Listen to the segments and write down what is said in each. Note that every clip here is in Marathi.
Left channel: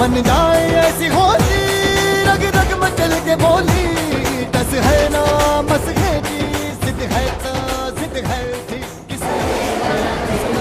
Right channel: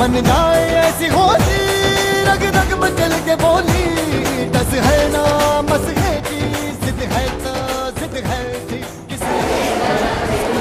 मन जाए ऐसी होली रग रग में चल के बोली टस है ना मस है की जिद है तो जिद है ठीक किसी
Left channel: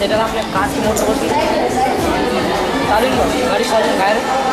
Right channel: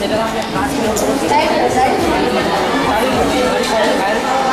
Jadi dalam yang kasih motor. Tadi, tadi kalau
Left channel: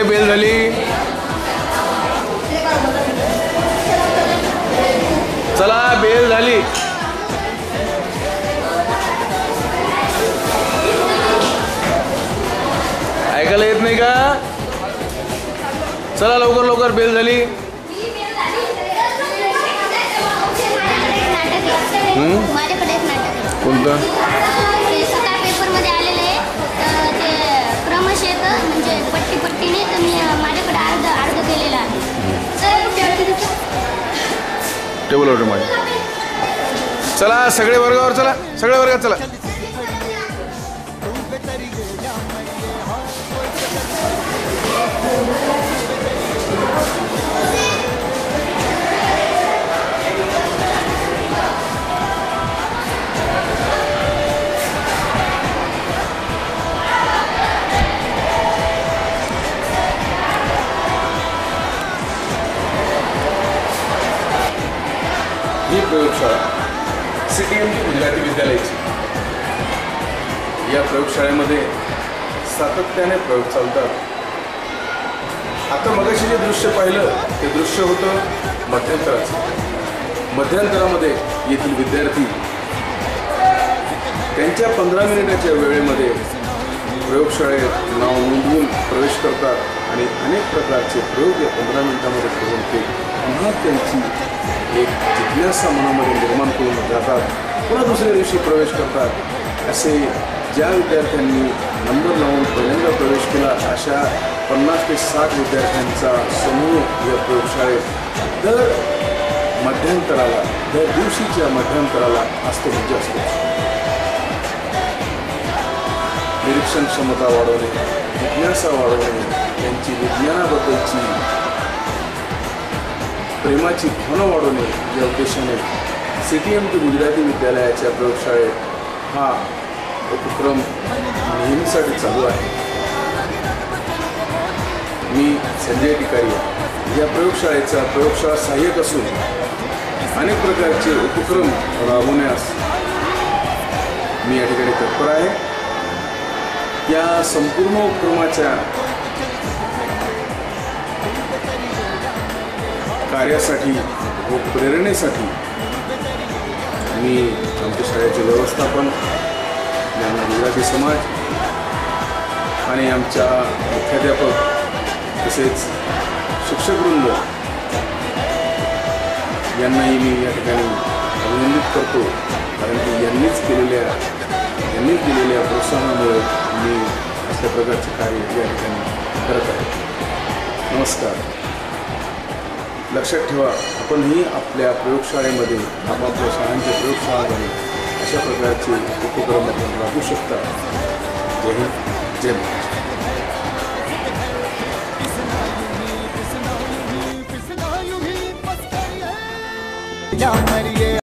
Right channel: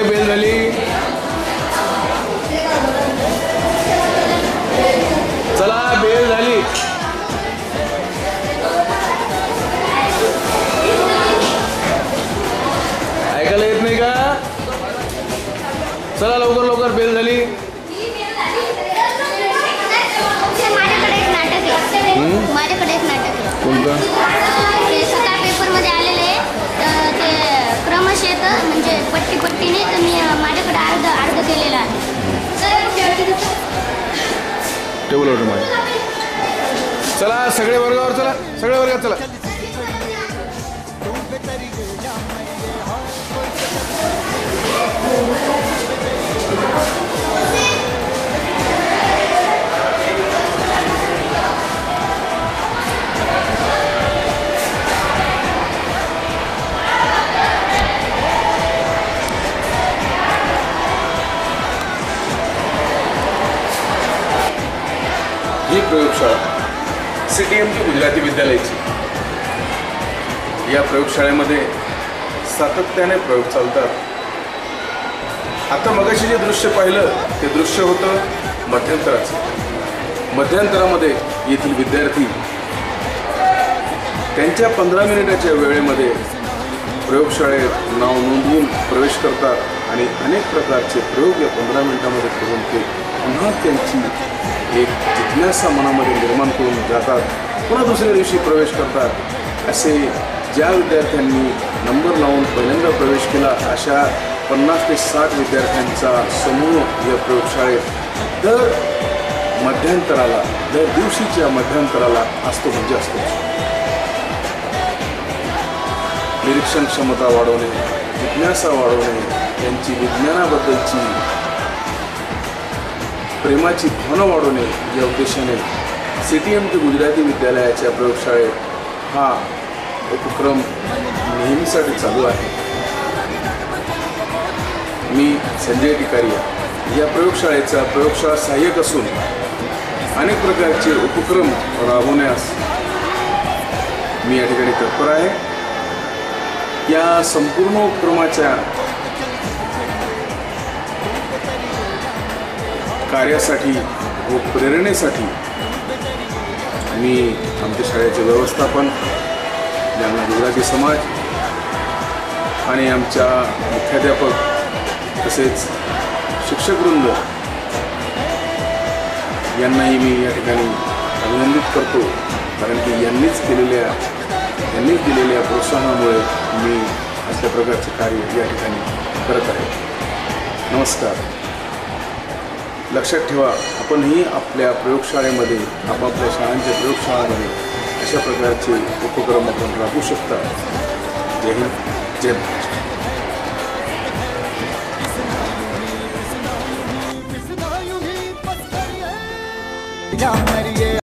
रुपये बेल झाली. चला बेल झाली. ऐकायला येत नाही का? चला लवकर लवकर बेल झाली. कोणतं? टेबलवर माझी चला सगळे वर्गावर चला सगळ्या वर्गात चला. ही प्रयोगशाळा C T M T Gujarati विद्यालयाची. या प्रयोगशाळेमध्ये सातत्याने प्रयोग चालतात. आता मगाशी जे दृश्य पाहिलं ते दृश्य होतं मध्यंतराचं. मध्यंतरामध्ये येथील विद्यार्थी त्यांच्या पंधरा मिनिटाच्या वेळेमध्ये प्रयोगशाळेत नाव नोंदवून प्रवेश करतात आणि अनेक प्रकारचे प्रयोग या पंधरा मिनिटामध्ये करून ते पुन्हा त्यांची एक जिज्ञासा मनामध्ये निर्माण करून जातात. पुन्हा दुसऱ्या दिवशी प्रवेश करतात. असे ज्या विद्यार्थ्यांनी नंबर लावून पहिल्यांदा प्रवेश केला अशा पन्नास ते साठ विद्यार्थ्यांचा समूह या प्रयोगशाळेत दर मध्यंतराला दर दिवशीच्या मध्यंतराला असतो म्हणजे असतो. निरीक्षण क्षमता वाढवणे जिज्ञासा वाढवणे त्यांची विज्ञानाबद्दलची प्रेमाची भावना वाढवणे या उद्देशाने C T M T Gujarati विद्यालयाच्या प्रयोगशाळेत हा उपक्रम नेहमीसाठी चालू आहे. मी संजय टिकारिया. या प्रयोगशाळेचा प्रयोगशाळा सहाय्यक असून अनेक प्रकारचे उपक्रम राबवण्यास मी या ठिकाणी तत्पर आहे. या संपूर्ण उपक्रमाच्या कार्यासाठी व प्रेरणेसाठी मी आमच्या शाळेचे व्यवस्थापन ज्यांना गुजराती समाज आणि आमच्या मुख्याध्यापक तसेच शिक्षकवृंद यांनाही मी या ठिकाणी अभिनंदित करतो. कारण की यांनीच केलेल्या यांनीच दिलेल्या प्रोत्साहनामुळे मी अशा प्रकारचे कार्य या ठिकाणी करत आहे. नमस्कार. लक्षात ठेवा, आपणही आपल्या प्रयोगशाळेमध्ये आपापल्या शाळांच्या प्रयोगशाळांमध्ये अशा प्रकारचे उपक्रम आपण राबवू शकता. जय हिंद, जय महाराष्ट्र.